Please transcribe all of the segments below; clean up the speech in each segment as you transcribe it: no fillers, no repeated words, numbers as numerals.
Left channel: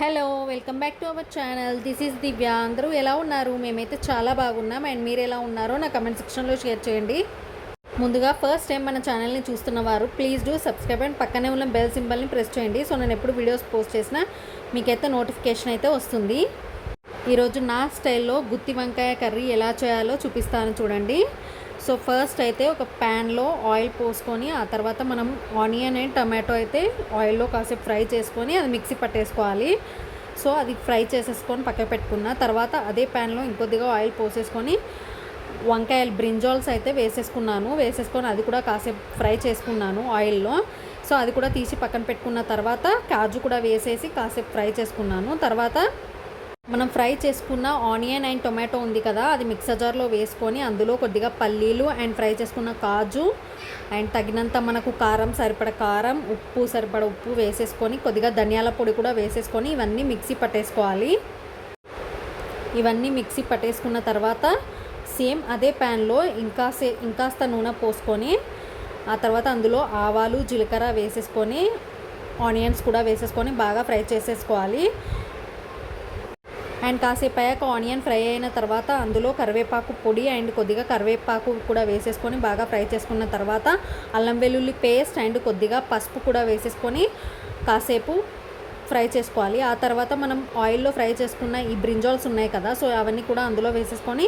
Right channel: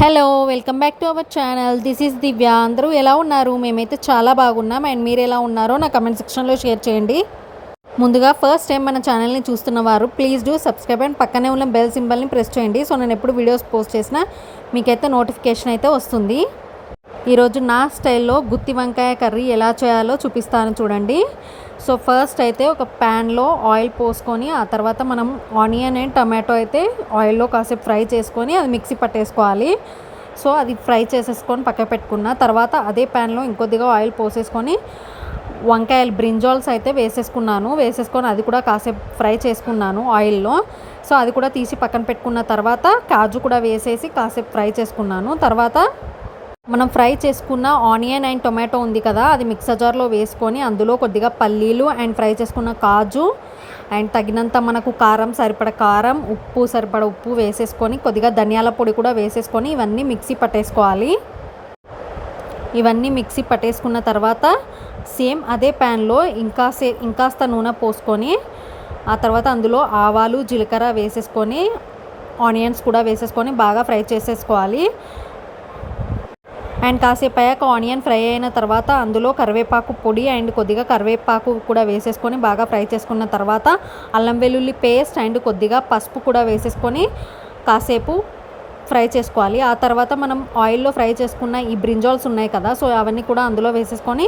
Hello welcome back to our channel. This is Divya. అందరూ ఎలా ఉన్నారు? మేమైతే చాలా బాగున్నాం. అండ్ మీరు ఎలా ఉన్నారో నా కమెంట్ సెక్షన్లో షేర్ చేయండి. ముందుగా ఫస్ట్ టైం మన ఛానల్ని చూస్తున్నవారు ప్లీజ్ డూ సబ్స్క్రైబ్ అండ్ పక్కనే ఉన్న బెల్ సింబల్ని ప్రెస్ చేయండి. సో నేను ఎప్పుడు వీడియోస్ పోస్ట్ చేసినా మీకైతే నోటిఫికేషన్ అయితే వస్తుంది. ఈరోజు నా స్టైల్లో గుత్తి వంకాయ కర్రీ ఎలా చేయాలో చూపిస్తాను చూడండి. సో ఫస్ట్ అయితే ఒక ప్యాన్లో ఆయిల్ పోసుకొని ఆ తర్వాత మనం ఆనియన్ అండ్ టమాటో అయితే ఆయిల్లో కాసేపు ఫ్రై చేసుకొని అది మిక్సీ పట్టేసుకోవాలి. సో అది ఫ్రై చేసేసుకొని పక్కకు పెట్టుకున్న తర్వాత అదే ప్యాన్లో ఇంకొద్దిగా ఆయిల్ పోసేసుకొని వంకాయలు బ్రింజాల్స్ అయితే వేసేసుకొని అది కూడా కాసేపు ఫ్రై చేసుకున్నాను ఆయిల్లో. సో అది కూడా తీసి పక్కన పెట్టుకున్న తర్వాత కాజు కూడా వేసేసి కాసేపు ఫ్రై చేసుకున్నాను. తర్వాత మనం ఫ్రై చేసుకున్న ఆనియన్ అండ్ టొమాటో ఉంది కదా, అది మిక్సర్ జార్లో వేసుకొని అందులో కొద్దిగా పల్లీలు అండ్ ఫ్రై చేసుకున్న కాజు అండ్ తగినంత మనకు కారం సరిపడ కారం, ఉప్పు సరిపడ ఉప్పు వేసేసుకొని కొద్దిగా ధనియాల పొడి కూడా వేసేసుకొని ఇవన్నీ మిక్సీ పట్టేసుకోవాలి. ఇవన్నీ మిక్సీ పట్టేసుకున్న తర్వాత సేమ్ అదే ప్యాన్లో ఇంకాస్త నూనె పోసుకొని ఆ తర్వాత అందులో ఆవాలు జీలకర్ర వేసేసుకొని ఆనియన్స్ కూడా వేసేసుకొని బాగా ఫ్రై చేసేసుకోవాలి. అండ్ కాసేపు అయ్యాక ఆనియన్ ఫ్రై అయిన తర్వాత అందులో కరివేపాకు పొడి అండ్ కొద్దిగా కరివేపాకు కూడా వేసేసుకొని బాగా ఫ్రై చేసుకున్న తర్వాత అల్లం వెల్లుల్లి పేస్ట్ అండ్ కొద్దిగా పసుపు కూడా వేసేసుకొని కాసేపు ఫ్రై చేసుకోవాలి. ఆ తర్వాత మనం ఆయిల్లో ఫ్రై చేసుకున్న ఈ బ్రింజాల్స్ ఉన్నాయి కదా, సో అవన్నీ కూడా అందులో వేసేసుకొని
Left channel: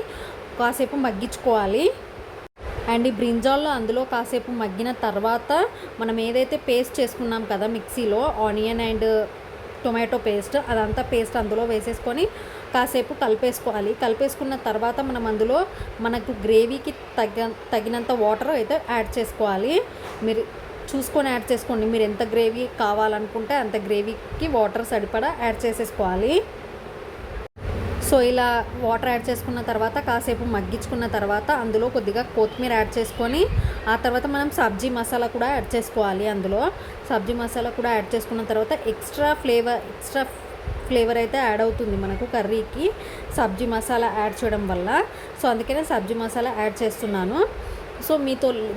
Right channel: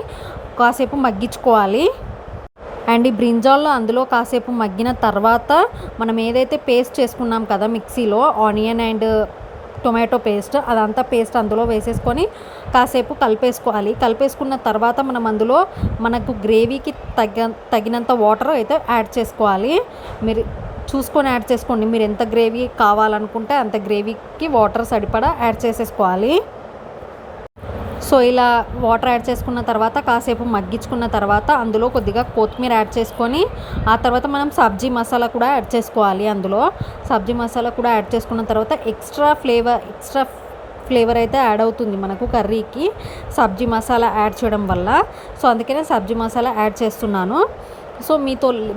కాసేపు మగ్గించుకోవాలి. అండ్ ఈ బ్రింజాల్లో అందులో కాసేపు మగ్గిన తర్వాత మనం ఏదైతే పేస్ట్ చేసుకున్నాం కదా మిక్సీలో ఆనియన్ అండ్ టొమాటో పేస్ట్, అదంతా పేస్ట్ అందులో వేసేసుకొని కాసేపు కలిపేసుకున్న తర్వాత మనం అందులో మనకు గ్రేవీకి తగినంత వాటర్ అయితే యాడ్ చేసుకోవాలి. మీరు చూసుకొని యాడ్ చేసుకోండి. మీరు ఎంత గ్రేవీ కావాలనుకుంటే అంత గ్రేవీకి వాటర్ సరిపడా యాడ్ చేసేసుకోవాలి. సో ఇలా వాటర్ యాడ్ చేసుకున్న తర్వాత కాసేపు మగ్గించుకున్న తర్వాత అందులో కొద్దిగా కొత్తిమీర యాడ్ చేసుకొని ఆ తర్వాత మనం సబ్జీ మసాలా కూడా యాడ్ చేసుకోవాలి. అందులో సబ్జీ మసాలా కూడా యాడ్ చేసుకున్న తర్వాత ఎక్స్ట్రా ఫ్లేవర్ అయితే యాడ్ అవుతుంది మనకు కర్రీకి సబ్జీ మసాలా యాడ్ చేయడం వల్ల. సో అందుకనే సబ్జీ మసాలా యాడ్ చేస్తున్నాను. సో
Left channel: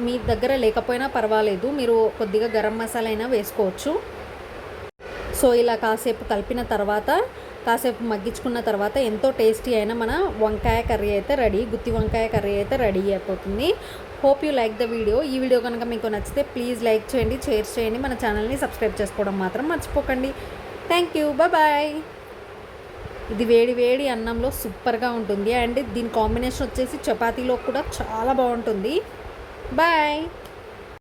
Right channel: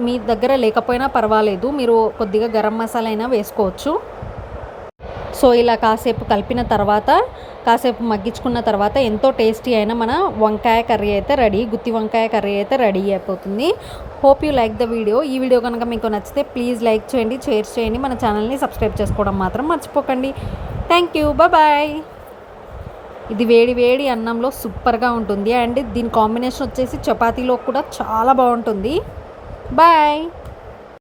మీ దగ్గర లేకపోయినా పర్వాలేదు, మీరు కొద్దిగా గరం మసాలా అయినా వేసుకోవచ్చు. సో ఇలా కాసేపు కలిపిన తర్వాత కాసేపు మగ్గించుకున్న తర్వాత ఎంతో టేస్టీ అయిన మన వంకాయ కర్రీ అయితే రెడీ, గుత్తి వంకాయ కర్రీ అయితే రెడీ అయిపోతుంది. Hope you like the video. ఈ వీడియో కనుక మీకు నచ్చితే ప్లీజ్ లైక్ చేయండి, షేర్ చేయండి, మన ఛానల్ని సబ్స్క్రైబ్ చేసుకోవడం మాత్రం మర్చిపోకండి. Thank you, bye. ఇది వేడి వేడి అన్నంలో సూపర్గా ఉంటుంది అండ్ దీని కాంబినేషన్ వచ్చేసి చపాతీలో కూడా చాలా బాగుంటుంది. బాయ్.